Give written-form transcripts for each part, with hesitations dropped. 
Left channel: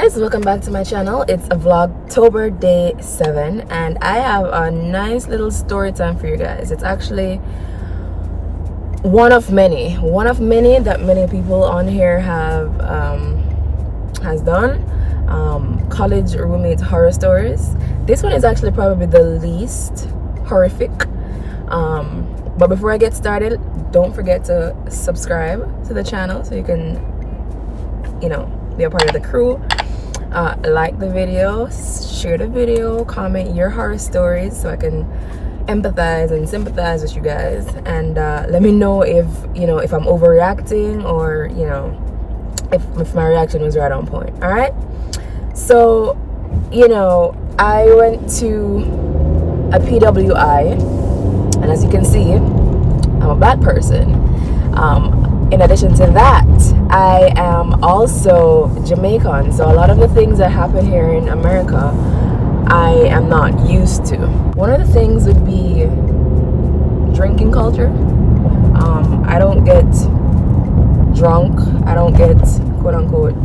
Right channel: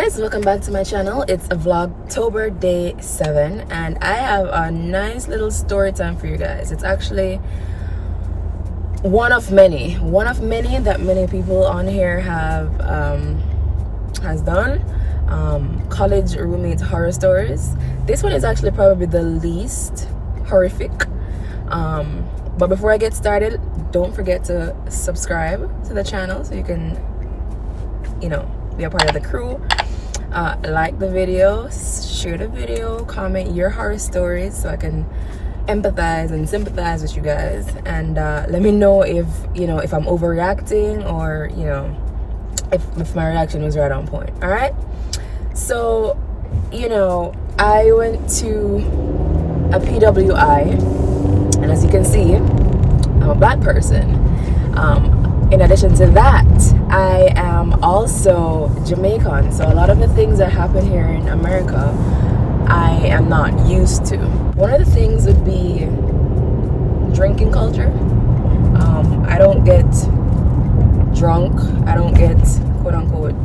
guys, welcome back to my channel. It's a Vlogtober day 7 and I have a nice little story time for you guys. It's actually one of many that many people on here have has done. College roommate horror stories. This one is actually probably the least horrific. But before I get started, don't forget to subscribe to the channel so you can, be a part of the crew. Like the video, share the video, comment your horror stories so I can empathize and sympathize with you guys, and let me know if I'm overreacting or if my reaction was right on point. All right, so I went to a PWI, and as you can see, I'm a black person. In addition to that, I am also Jamaican, so a lot of the things that happen here in America I am not used to. One of the things would be drinking culture. I don't get drunk, I don't get quote-unquote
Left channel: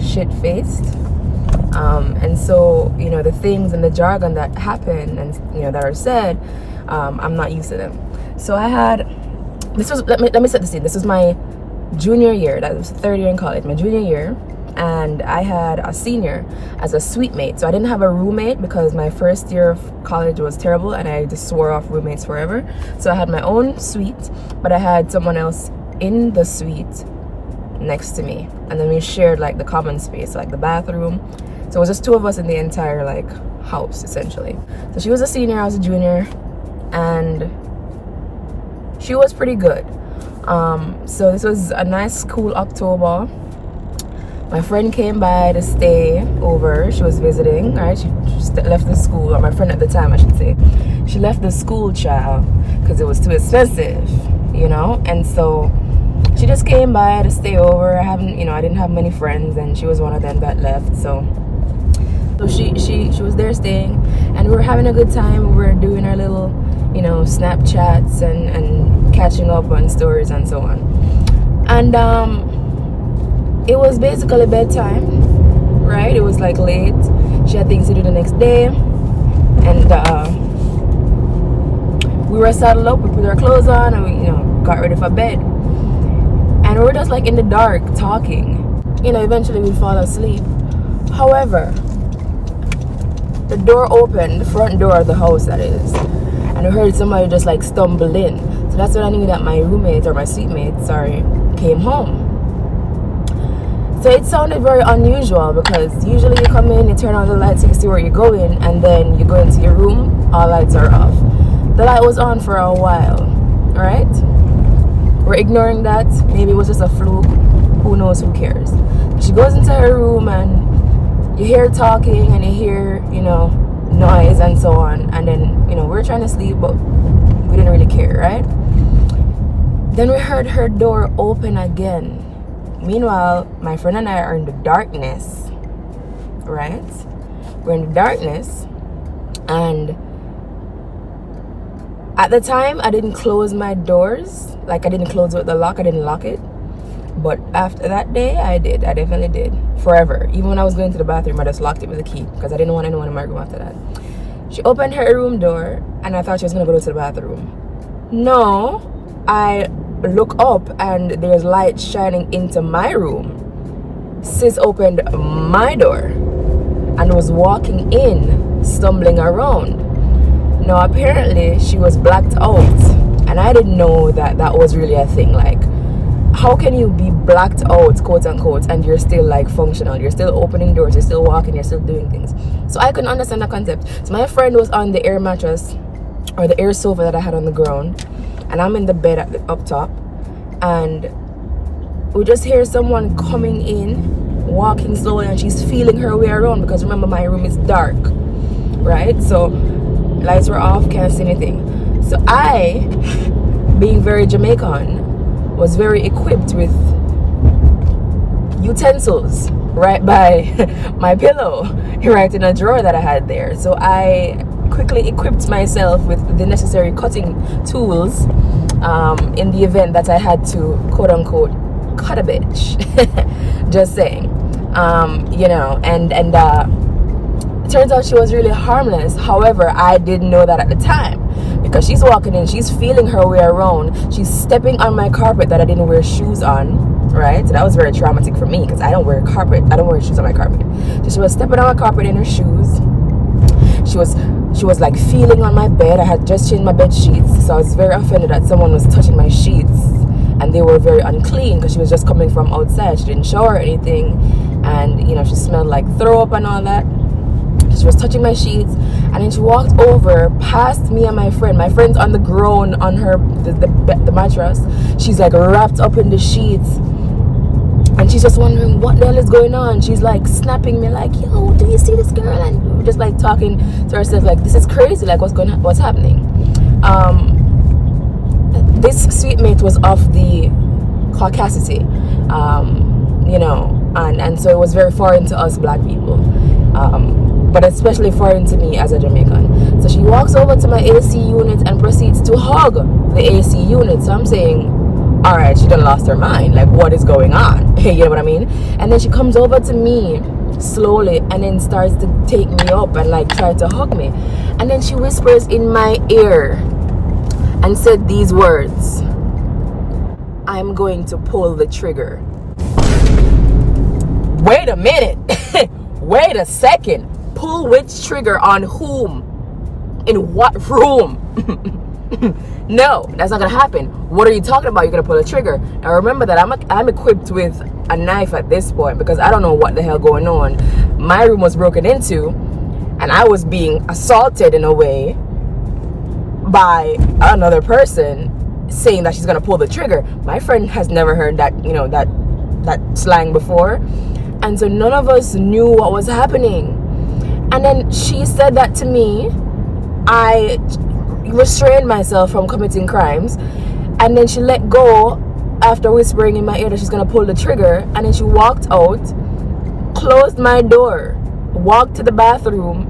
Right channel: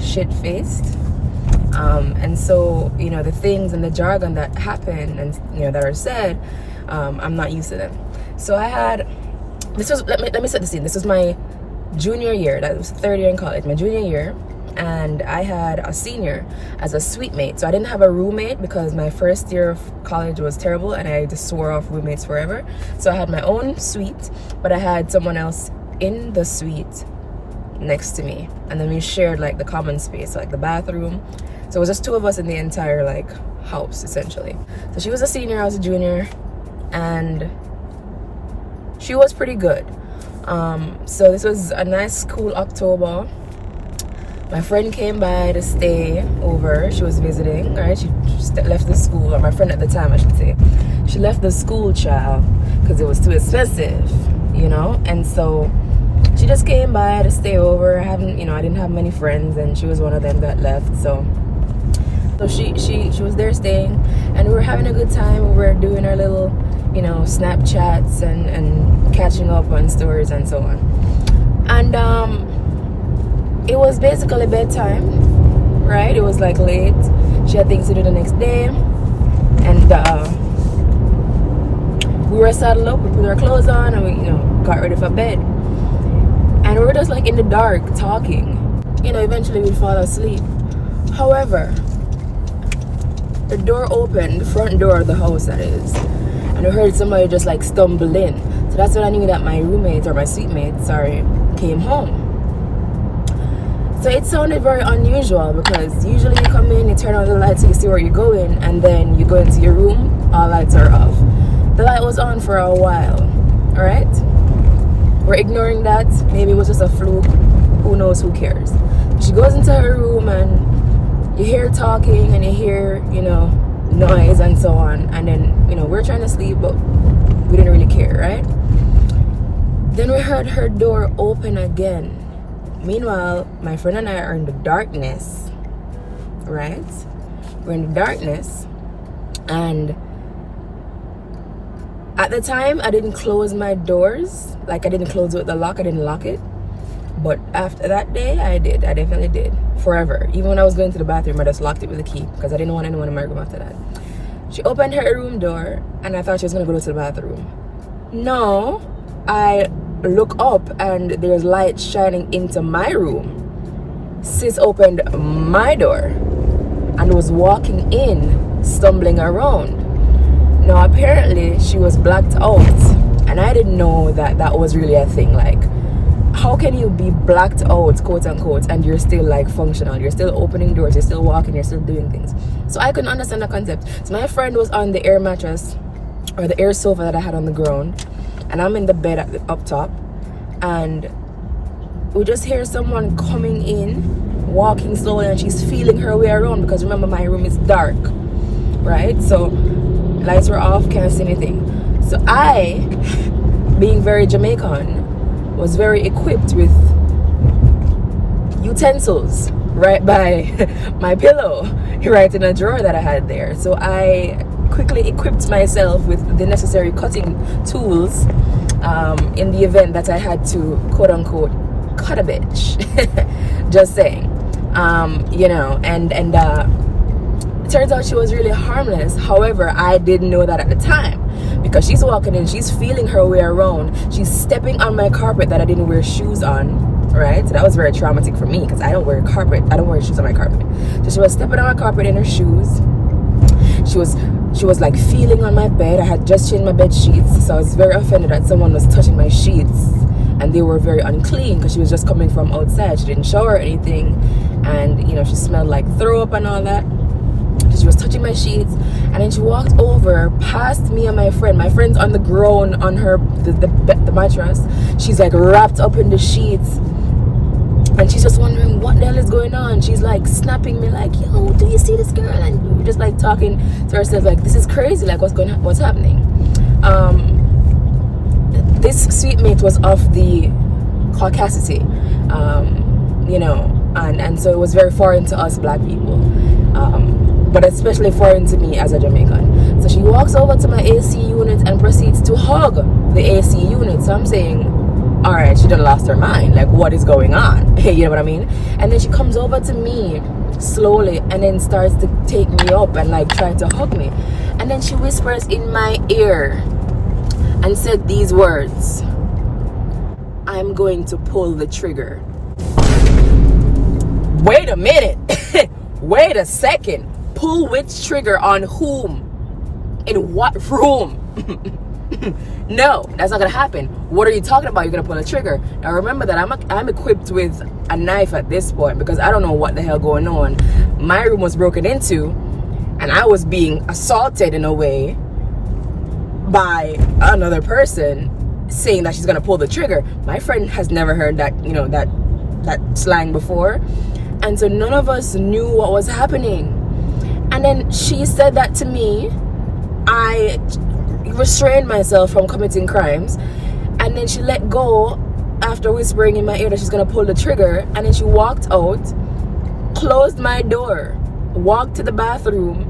shit-faced, and so the things and the jargon that happen and that are said, I'm not used to them. So I had let me set the scene. This was my junior year. That was third year in college, my junior year, and I had a senior as a suite mate. So I didn't have a roommate because my first year of college was terrible and I just swore off roommates forever. So I had my own suite, but I had someone else in the suite next to me, and then we shared like the common space, like the bathroom. So it was just two of us in the entire house essentially. So she was a senior, I was a junior, and she was pretty good. So this was a nice cool October. My friend came by to stay over. She was visiting, right? She just left the school, or my friend at the time I should say. She left the school, child, because it was too expensive, and so she just came by to stay over. I didn't have many friends, and she was one of them that left. So she was there staying, and we were having a good time. We were doing our little Snapchats and catching up on stories and so on, and it was basically bedtime, right? It was late. She had things to do the next day, and we were saddled up. We put our clothes on and we got ready for bed, and we were just in the dark talking. Eventually we'd fall asleep. However, the door opened, the front door of the house that is, and I heard somebody just stumble in. So that's when I knew that my roommate, or my suite mate, sorry, came home. So it sounded very unusual because usually you come in, you turn on the lights, you see where you're going, and then you go into your room, all lights are off. The light was on for a while, alright? We're ignoring that. Maybe it was just a fluke. Who knows, who cares? She goes into her room and you hear talking and you hear, noise and so on, and then we're trying to sleep, but we didn't really care, right? Then we heard her door open again. Meanwhile, my friend and I are in the darkness, right? We're in the darkness, and at the time I didn't close my doors. I didn't close it with the lock, I didn't lock it. But after that day, I did. I definitely did. Forever. Even when I was going to the bathroom, I just locked it with a key because I didn't want anyone in my room after that. She opened her room door and I thought she was going to go to the bathroom. No, I look up and there's light shining into my room. Sis opened my door and was walking in, stumbling around. Now, apparently, she was blacked out and I didn't know that that was really a thing. How can you be blacked out, quote unquote, and you're still functional? You're still opening doors, you're still walking, you're still doing things. So I couldn't understand the concept. So my friend was on the air mattress, or the air sofa that I had on the ground, and I'm in the bed up top, and we just hear someone coming in, walking slowly, and she's feeling her way around because remember my room is dark, right? So lights were off, can't see anything. So I, being very Jamaican, was very equipped with utensils right by my pillow, right in a drawer that I had there. So I quickly equipped myself with the necessary cutting tools in the event that I had to, quote unquote, cut a bitch. Just saying. You know, and it turns out she was really harmless. However, I didn't know that at the time, because she's walking in, she's feeling her way around, she's stepping on my carpet that I didn't wear shoes on, right? So that was very traumatic for me, because I don't wear shoes on my carpet. So she was stepping on my carpet in her shoes. She was like feeling on my bed. I had just changed my bed sheets, so I was very offended that someone was touching my sheets, and they were very unclean because she was just coming from outside. She didn't shower or anything, and you know, she smelled like throw up and all that. She was touching my sheets, and then she walked over past me and my friend. My friend's on the ground on the mattress. She's like wrapped up in the sheets, and she's just wondering what the hell is going on. She's like snapping me like, yo, do you see this girl? And we were just like talking to ourselves like, this is crazy, like what's happening. This sweet mate was of the caucasity, you know, and so it was very foreign to us black people, but especially foreign to me as a Jamaican. So she walks over to my AC unit and proceeds to hug the AC unit. So I'm saying, all right, she done lost her mind, like what is going on? You know what I mean? And then she comes over to me slowly and then starts to take me up and like try to hug me, and then she whispers in my ear and said these words: I'm going to pull the trigger. Wait a minute. Wait a second. Pull which trigger on whom? In what room? No, that's not gonna happen. What are you talking about? You're gonna pull a trigger. Now remember that I'm equipped with a knife at this point, because I don't know what the hell going on. My room was broken into, and I was being assaulted in a way by another person saying that she's gonna pull the trigger. My friend has never heard that, you know, that slang before, and so none of us knew what was happening. And then she said that to me. I restrained myself from committing crimes, and then she let go after whispering in my ear that she's gonna pull the trigger, and then she walked out, closed my door, walked to the bathroom,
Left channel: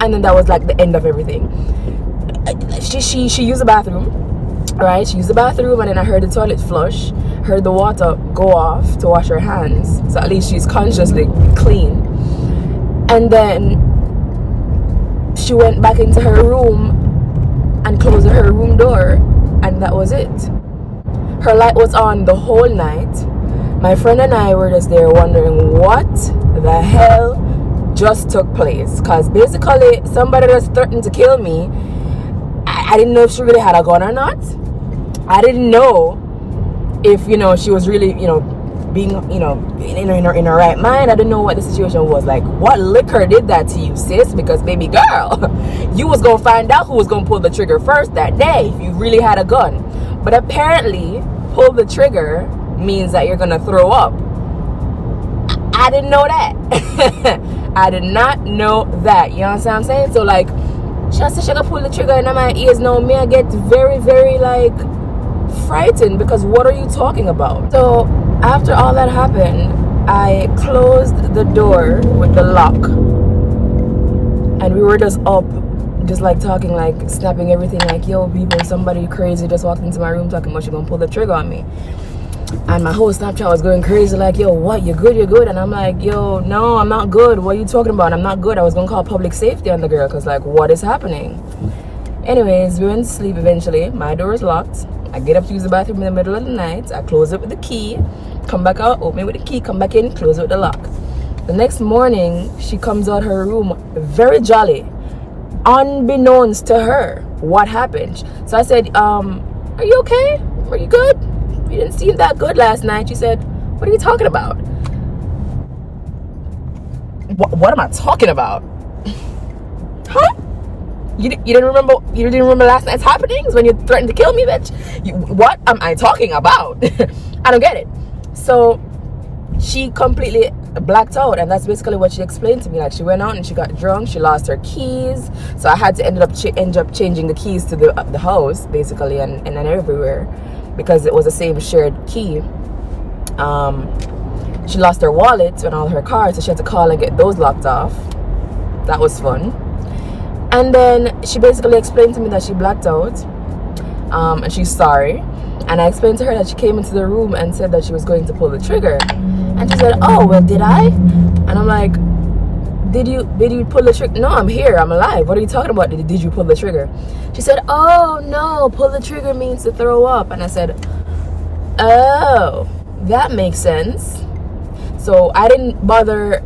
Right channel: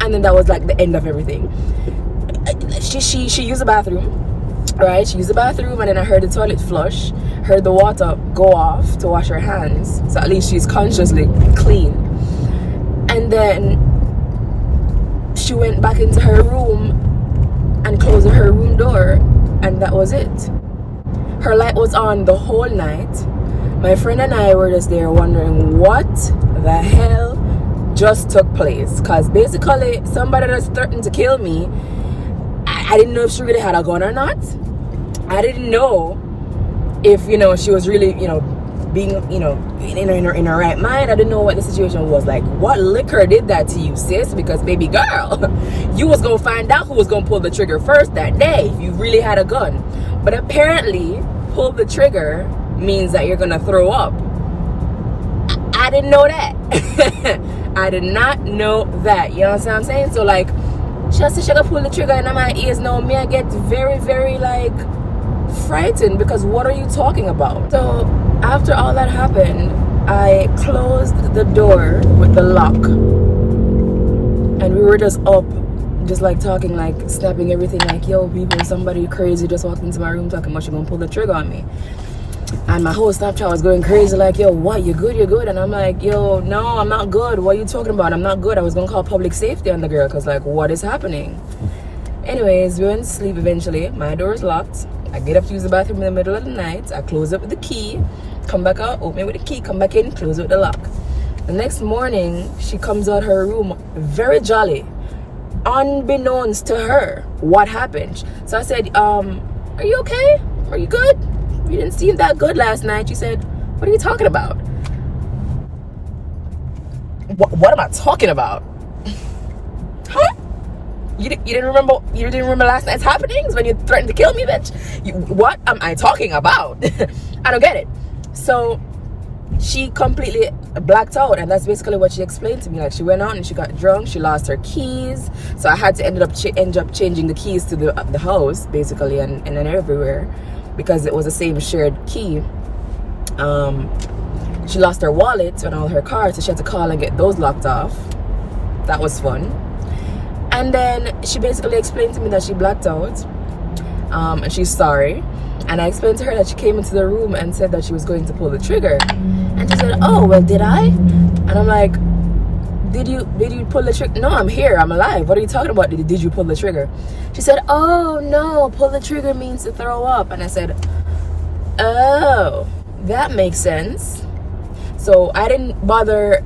and then that was like the end of everything. She used the bathroom, right? She used the bathroom, and then I heard the toilet flush, heard the water go off to wash her hands, so at least she's consciously clean. And then she went back into her room and closed her room door, and that was it. Her light was on the whole night. My friend and I were just there wondering what the hell just took place, because basically somebody just threatened to kill me. I didn't know if she really had a gun or not. I didn't know if, you know, she was really, you know, being, you know, in her right mind. I didn't know what the situation was like. What liquor did that to you, sis? Because baby girl, you was gonna find out who was gonna pull the trigger first that day if you really had a gun. But apparently pull the trigger means that you're gonna throw up. I didn't know that. I did not know that. You know what I'm saying? So like, she said she gonna pull the trigger in my ears. Now me, I get very, very like frightened, because what are you talking about? So after all that happened, I closed the door with the lock, and we were just up, just like talking, like snapping everything, like, yo people, somebody crazy just walked into my room talking about she gonna pull the trigger on me. And my whole Snapchat was going crazy, like, yo, what, you good? And I'm like, yo, no, I'm not good. What are you talking about? I'm not good. I was gonna call public safety on the girl, because like, what is happening? Anyways, we went to sleep eventually. My door is locked. I get up to use the bathroom in the middle of the night. I close it with the key, come back out, open it with the key, come back in, close it with the lock. The next morning, she comes out her room very jolly, unbeknownst to her what happened. So I said, are you okay? Are you good? You didn't seem that good last night. She said, what are you talking about? What am I talking about? Huh? You didn't remember last night's happenings when you threatened to kill me, bitch? What am I talking about? I don't get it. So she completely blacked out, and that's basically what she explained to me. Like, she went out and she got drunk, she lost her keys, so I had to end up changing the keys to the house basically, and then everywhere, because it was the same shared key. She lost her wallet and all her cards, so she had to call and get those locked off. That was fun. And then she basically explained to me that she blacked out, and she's sorry. And I explained to her that she came into the room and said that she was going to pull the trigger. And And she said, oh, well, did I? And I'm like, did you pull the trigger? No, I'm here, I'm alive. What are you talking about? Did you pull the trigger? She said, oh no, pull the trigger means to throw up. And I said, oh, that makes sense. So I didn't bother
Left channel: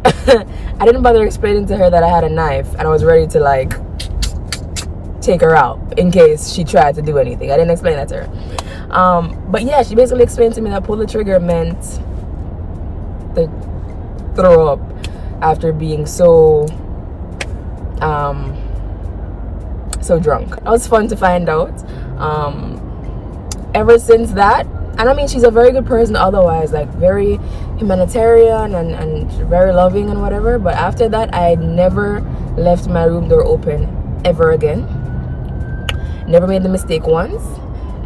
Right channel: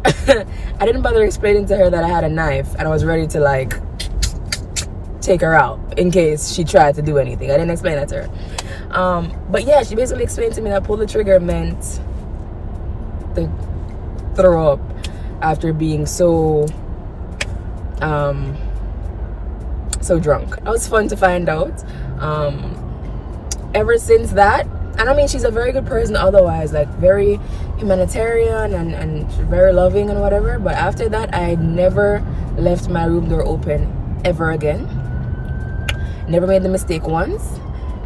explaining to her that I had a knife and I was ready to like take her out in case she tried to do anything. I didn't explain that to her. But yeah, she basically explained to me that pull the trigger meant to throw up after being so drunk. That was fun to find out. Ever since that, and I mean, she's a very good person otherwise, like very humanitarian and very loving and whatever, but after that I never left my room door open ever again. Never made the mistake once.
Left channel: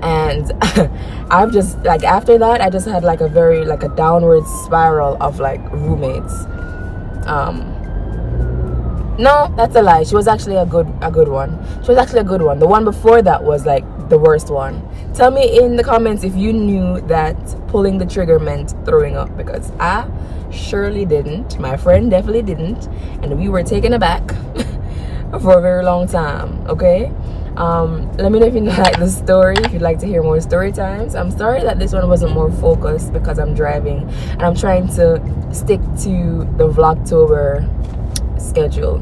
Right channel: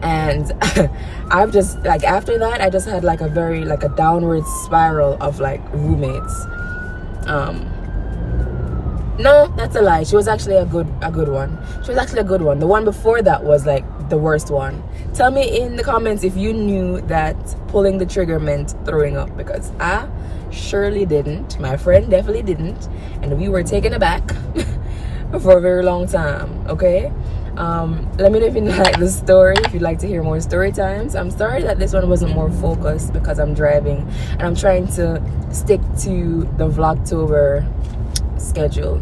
And I've just like, after that I just had like a very like a downward spiral of like roommates. No, that's a lie. She was actually a good one. She was actually a good one. The one before that was like the worst one. Tell me in the comments if you knew that pulling the trigger meant throwing up, because I surely didn't. My friend definitely didn't, and we were taken aback for a very long time. Okay, let me know if you like the story, if you'd like to hear more story times. I'm sorry that this one wasn't more focused because I'm driving and I'm trying to stick to the Vlogtober schedule.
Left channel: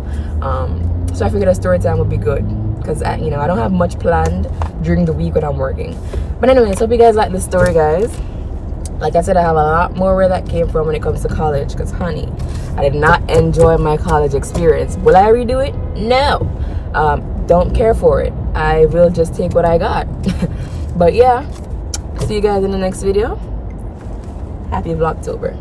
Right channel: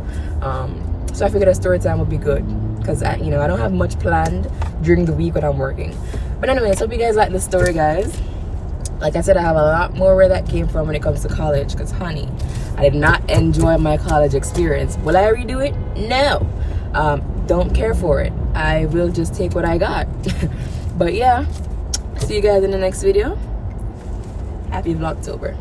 So I figured a story time would be good because I don't have much planned during the week when I'm working. But anyways, hope you guys like the story, guys. Like I said, I have a lot more where that came from when it comes to college, because honey, I did not enjoy my college experience. Will I redo it? No. Don't care for it. I will just take what I got. But yeah, see you guys in the next video. Happy Vlogtober.